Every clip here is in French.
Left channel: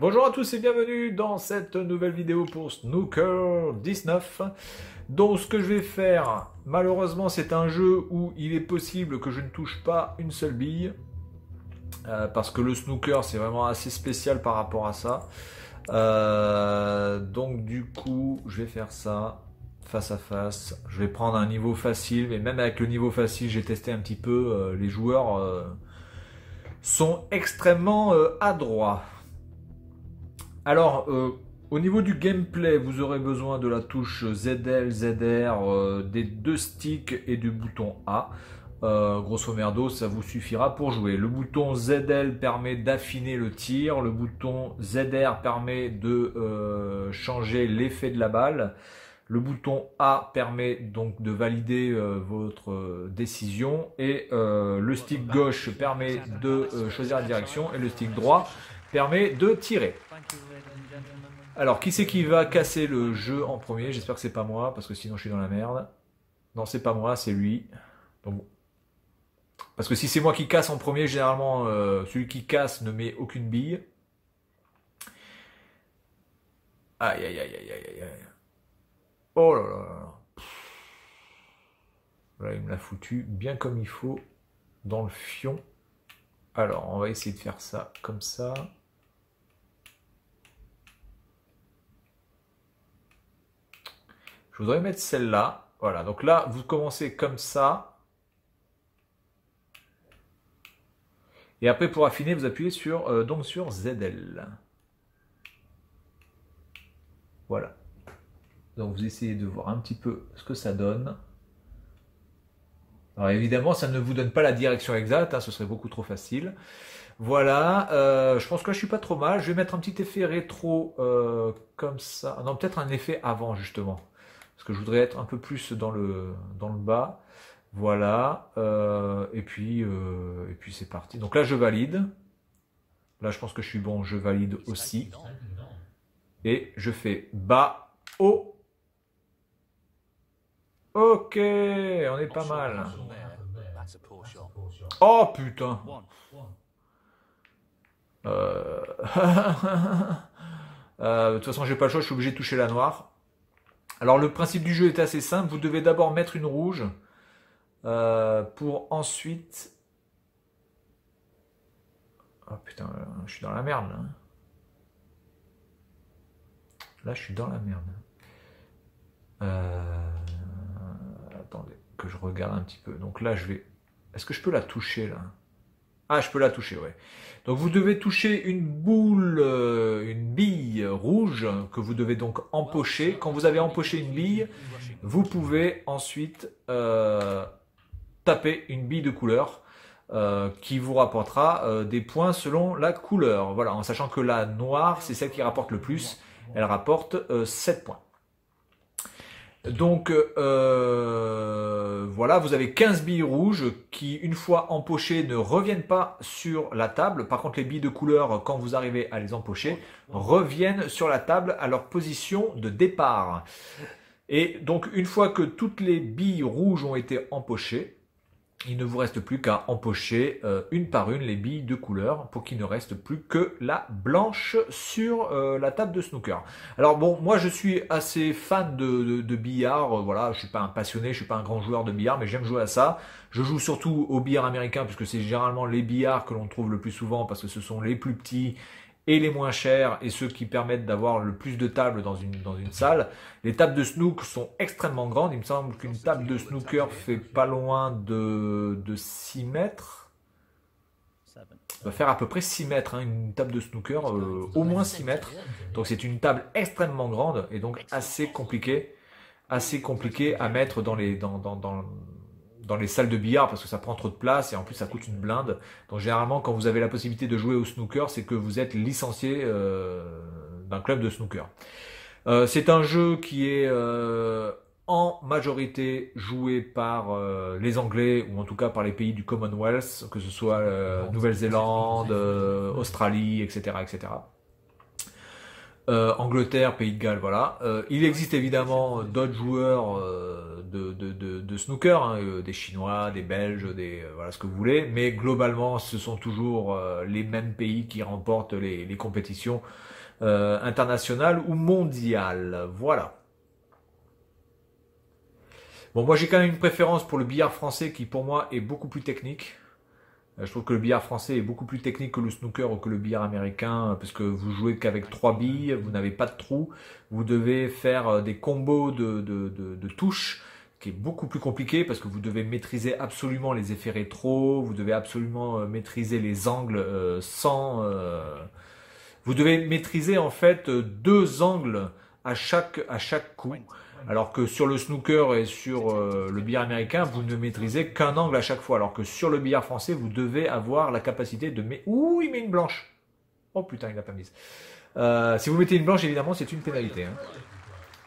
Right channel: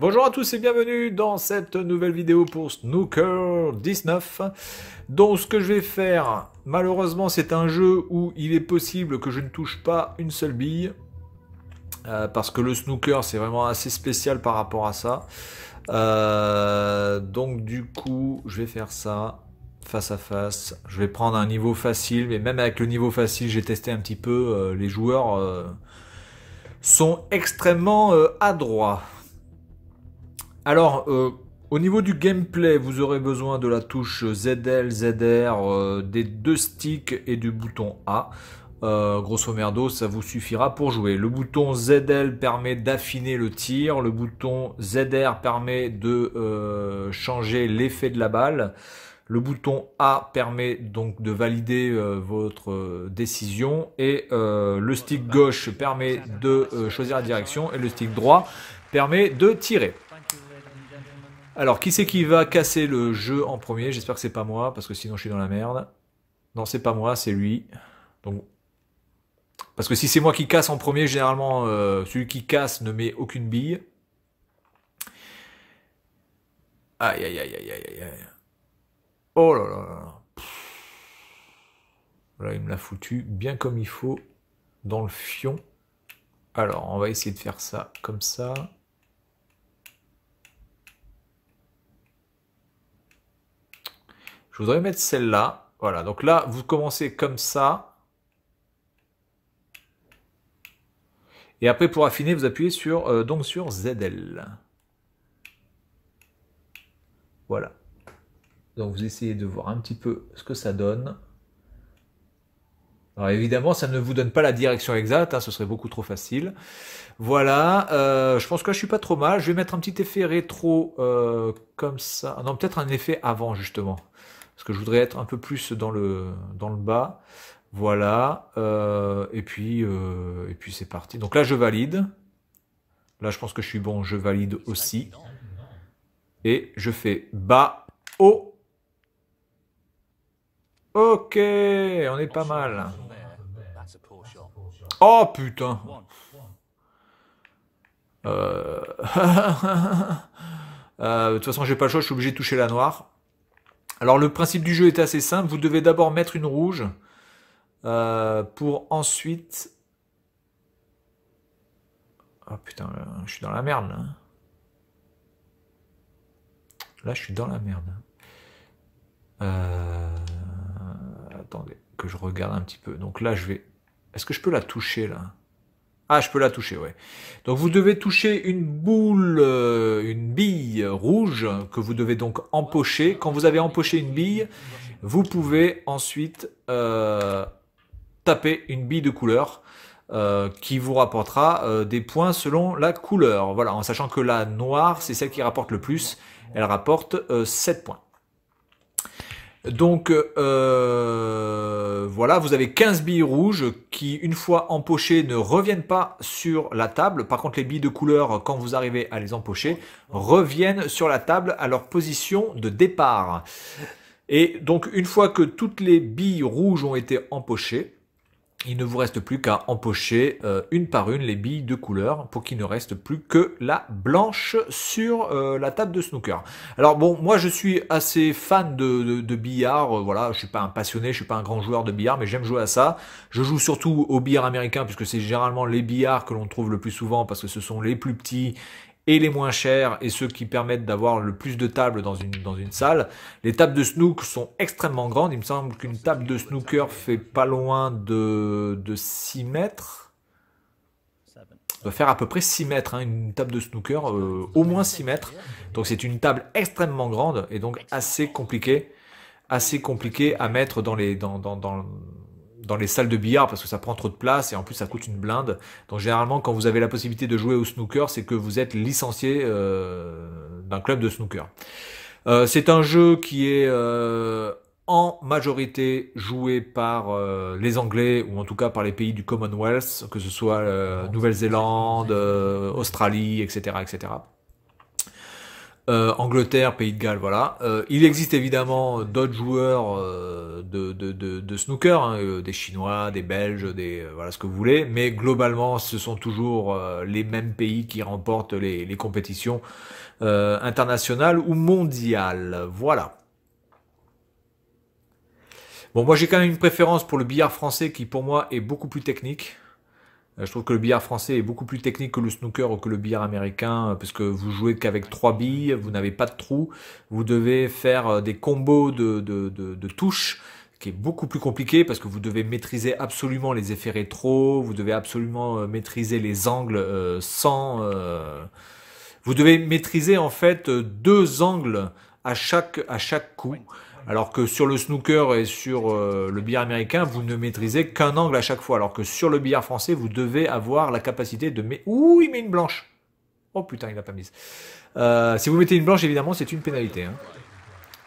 Bonjour à tous et bienvenue dans cette nouvelle vidéo pour Snooker 19. Donc ce que je vais faire, malheureusement c'est un jeu où il est possible que je ne touche pas une seule bille. Parce que le snooker c'est vraiment assez spécial par rapport à ça. Donc du coup je vais faire ça face à face. Je vais prendre un niveau facile, mais même avec le niveau facile j'ai testé un petit peu. Les joueurs sont extrêmement adroits. Alors, au niveau du gameplay, vous aurez besoin de la touche ZL, ZR, des deux sticks et du bouton A. Grosso merdo, ça vous suffira pour jouer. Le bouton ZL permet d'affiner le tir. Le bouton ZR permet de changer l'effet de la balle. Le bouton A permet donc de valider votre décision. Et le stick gauche permet de choisir la direction. Et le stick droit permet de tirer. Alors, qui c'est qui va casser le jeu en premier? J'espère que c'est pas moi, parce que sinon je suis dans la merde. Non, c'est pas moi, c'est lui. Donc, parce que si c'est moi qui casse en premier, généralement, celui qui casse ne met aucune bille. Aïe, aïe, aïe, aïe, aïe, aïe. Oh là là là. Là, il me l'a foutu bien comme il faut dans le fion. Alors, on va essayer de faire ça comme ça. Je voudrais mettre celle-là. Voilà, donc là, vous commencez comme ça. Et après, pour affiner, vous appuyez sur, donc sur ZL. Voilà. Donc, vous essayez de voir un petit peu ce que ça donne. Alors, évidemment, ça ne vous donne pas la direction exacte, hein, ce serait beaucoup trop facile. Voilà, je pense que là, je suis pas trop mal. Je vais mettre un petit effet rétro comme ça. Ah non, peut-être un effet avant, justement. Parce que je voudrais être un peu plus dans le bas. Voilà, et puis c'est parti. Donc là, je valide. Là, je pense que je suis bon, je valide aussi. Et je fais bas, haut. Ok, on est pas mal. Oh putain. De toute façon, j'ai pas le choix, je suis obligé de toucher la noire. Alors, le principe du jeu est assez simple. Vous devez d'abord mettre une rouge pour ensuite... Oh putain, je suis dans la merde là. Là, je suis dans la merde. Attendez, que je regarde un petit peu. Donc là, je vais... Est-ce que je peux la toucher là? Ah, je peux la toucher, ouais. Donc vous devez toucher une boule, une bille rouge que vous devez donc empocher. Quand vous avez empoché une bille, vous pouvez ensuite taper une bille de couleur qui vous rapportera des points selon la couleur. Voilà, en sachant que la noire, c'est celle qui rapporte le plus. Elle rapporte 7 points. Donc voilà, vous avez 15 billes rouges qui, une fois empochées, ne reviennent pas sur la table. Par contre, les billes de couleur, quand vous arrivez à les empocher, reviennent sur la table à leur position de départ. Et donc, une fois que toutes les billes rouges ont été empochées, il ne vous reste plus qu'à empocher une par une les billes de couleur pour qu'il ne reste plus que la blanche sur la table de snooker. Alors bon, moi je suis assez fan de billard, voilà, je suis pas un passionné, je suis pas un grand joueur de billard, mais j'aime jouer à ça. Je joue surtout au billard américain puisque c'est généralement les billards que l'on trouve le plus souvent parce que ce sont les plus petits et les moins chers et ceux qui permettent d'avoir le plus de tables dans une salle. Les tables de snook sont extrêmement grandes. Il me semble qu'une table de snooker fait pas loin de 6 mètres. Ça doit faire à peu près 6 mètres, hein, une table de snooker, au moins 6 mètres. Donc c'est une table extrêmement grande et donc assez compliquée à mettre dans les salles de billard parce que ça prend trop de place et en plus ça coûte une blinde. Donc généralement quand vous avez la possibilité de jouer au snooker, c'est que vous êtes licencié d'un club de snooker. C'est un jeu qui est en majorité joué par les Anglais ou en tout cas par les pays du Commonwealth, que ce soit Nouvelle-Zélande, Australie, etc., etc. Angleterre, Pays de Galles, voilà. Il existe évidemment d'autres joueurs de snooker, hein, des Chinois, des Belges, voilà ce que vous voulez, mais globalement, ce sont toujours les mêmes pays qui remportent les compétitions internationales ou mondiales. Voilà. Bon, moi j'ai quand même une préférence pour le billard français qui pour moi est beaucoup plus technique. Je trouve que le billard français est beaucoup plus technique que le snooker ou que le billard américain, parce que vous jouez qu'avec 3 billes, vous n'avez pas de trous, vous devez faire des combos de touches, qui est beaucoup plus compliqué, parce que vous devez maîtriser absolument les effets rétro, vous devez absolument maîtriser les angles vous devez maîtriser en fait 2 angles à chaque coup. Alors que sur le snooker et sur le billard américain, vous ne maîtrisez qu'un angle à chaque fois. Alors que sur le billard français, vous devez avoir la capacité de mettre... Ouh, il met une blanche. Oh putain, il n'a pas mise. Si vous mettez une blanche, évidemment, c'est une pénalité. Hein.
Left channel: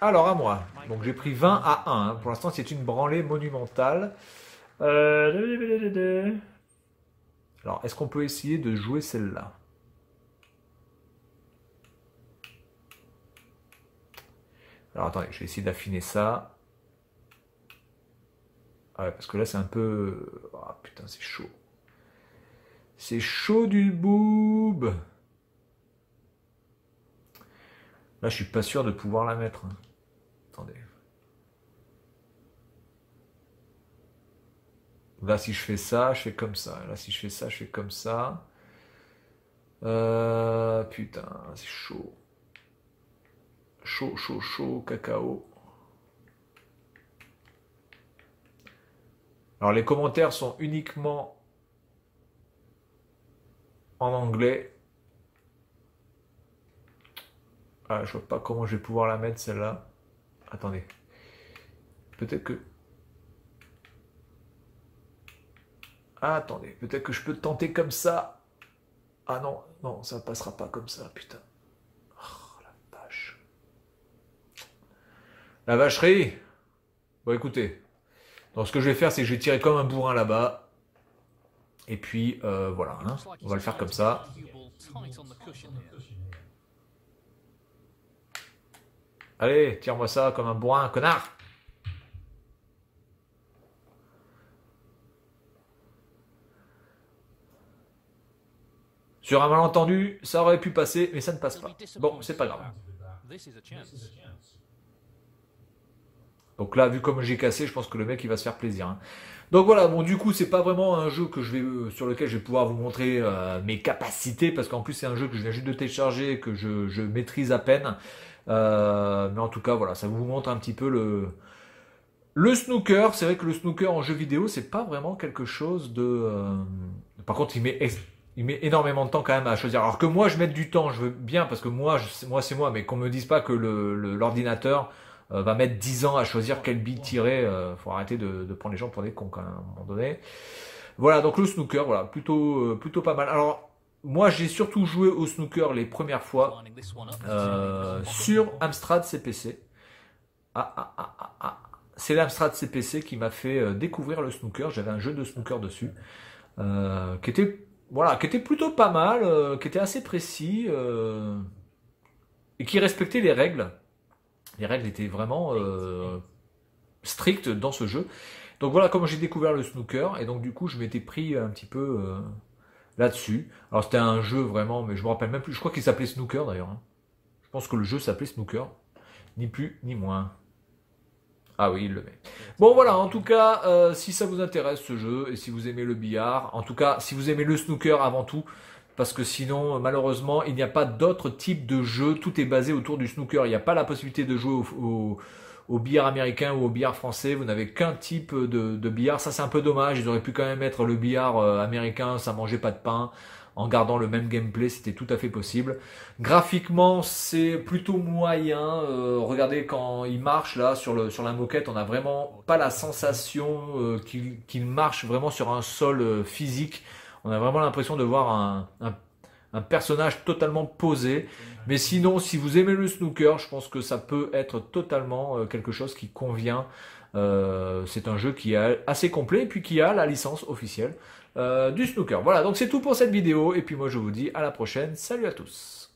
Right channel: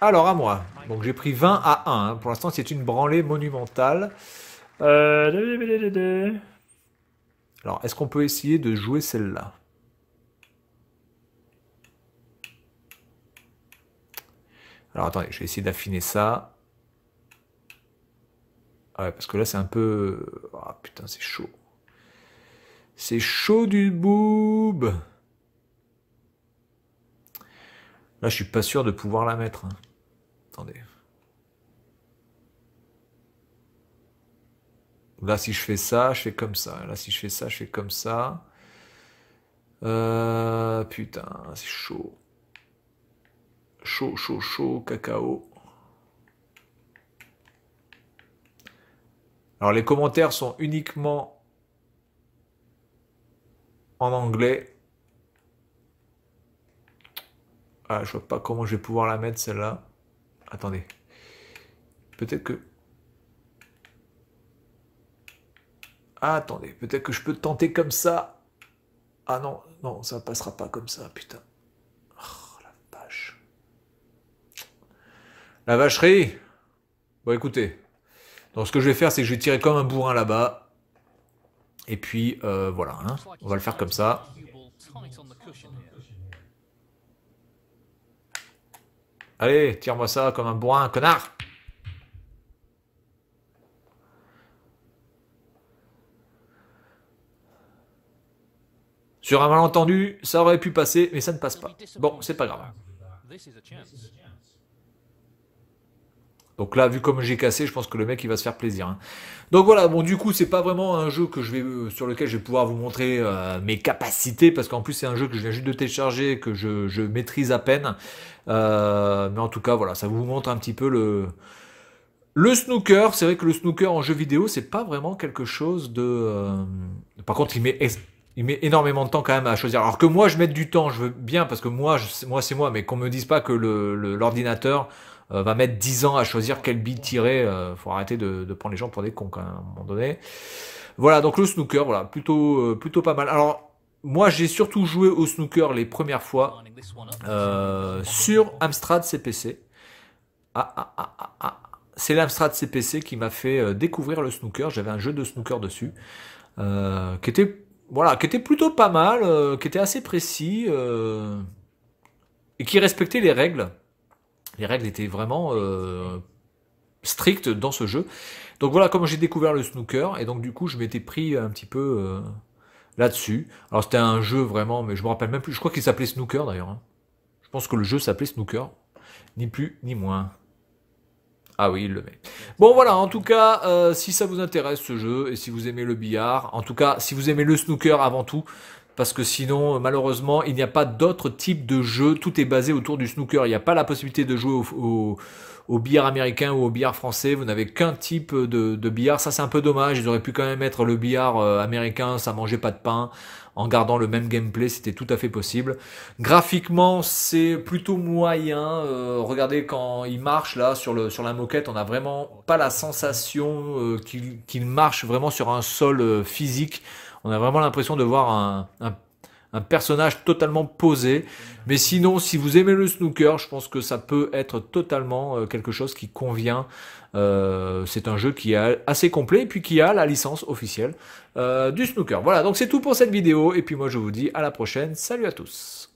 Alors, à moi. Donc, j'ai pris 20 à 1. Hein. Pour l'instant, c'est une branlée monumentale. Alors, est-ce qu'on peut essayer de jouer celle-là? Alors attendez, je vais essayer d'affiner ça. Ah ouais, parce que là c'est un peu... Ah putain, c'est chaud. C'est chaud du boob. Là je suis pas sûr de pouvoir la mettre. Hein. Attendez. Là si je fais ça, je fais comme ça. Là si je fais ça, je fais comme ça. Putain, c'est chaud. Chaud, chaud, chaud, cacao. Alors les commentaires sont uniquement en anglais. Ah, je vois pas comment je vais pouvoir la mettre celle-là. Attendez. Peut-être que... Ah, attendez, peut-être que je peux tenter comme ça. Ah non, non, ça passera pas comme ça, putain. Oh, la vache. La vacherie. Bon, écoutez. Donc, ce que je vais faire, c'est que je vais tirer comme un bourrin là-bas. Et puis, voilà. Hein. On va le faire comme ça. Allez, tire-moi ça comme un bourrin, connard. Sur un malentendu, ça aurait pu passer, mais ça ne passe pas. Bon, c'est pas grave. Donc là, vu comme j'ai cassé, je pense que le mec il va se faire plaisir. Hein. Donc voilà, bon du coup c'est pas vraiment un jeu que sur lequel je vais pouvoir vous montrer mes capacités, parce qu'en plus c'est un jeu que je viens juste de télécharger, que je maîtrise à peine. Mais en tout cas voilà, ça vous montre un petit peu le snooker. C'est vrai que le snooker en jeu vidéo, c'est pas vraiment quelque chose de... Par contre il met énormément de temps quand même à choisir. Alors que moi je mette du temps, je veux bien, parce que moi c'est moi, mais qu'on me dise pas que l'ordinateur va mettre 10 ans à choisir quelle bille tirer. Faut arrêter de prendre les gens pour des cons quand même, à un moment donné. Voilà, donc le snooker, voilà, plutôt pas mal. Alors, moi j'ai surtout joué au snooker les premières fois sur Amstrad CPC. C'est l'Amstrad CPC qui m'a fait découvrir le snooker. J'avais un jeu de snooker dessus qui était plutôt pas mal, qui était assez précis et qui respectait les règles. Les règles étaient vraiment strictes dans ce jeu. Donc voilà comment j'ai découvert le snooker. Et donc du coup, je m'étais pris un petit peu là-dessus. Alors c'était un jeu vraiment, mais je me rappelle même plus. Je crois qu'il s'appelait Snooker d'ailleurs. Hein. Je pense que le jeu s'appelait Snooker. Ni plus, ni moins. Ah oui, il le met. Bon voilà, en tout cas, si ça vous intéresse ce jeu, et si vous aimez le billard, en tout cas, si vous aimez le snooker avant tout, parce que sinon, malheureusement, il n'y a pas d'autre type de jeu. Tout est basé autour du snooker. Il n'y a pas la possibilité de jouer au billard américain ou au billard français. Vous n'avez qu'un type de billard. Ça, c'est un peu dommage. Ils auraient pu quand même mettre le billard américain, ça mangeait pas de pain, en gardant le même gameplay. C'était tout à fait possible. Graphiquement, c'est plutôt moyen. Regardez quand il marche là sur la moquette, on n'a vraiment pas la sensation qu'il marche vraiment sur un sol physique. On a vraiment l'impression de voir un personnage totalement posé. Mais sinon, si vous aimez le snooker, je pense que ça peut être totalement quelque chose qui convient. C'est un jeu qui est assez complet et puis qui a la licence officielle du snooker. Voilà, donc c'est tout pour cette vidéo. Et puis moi, je vous dis à la prochaine. Salut à tous.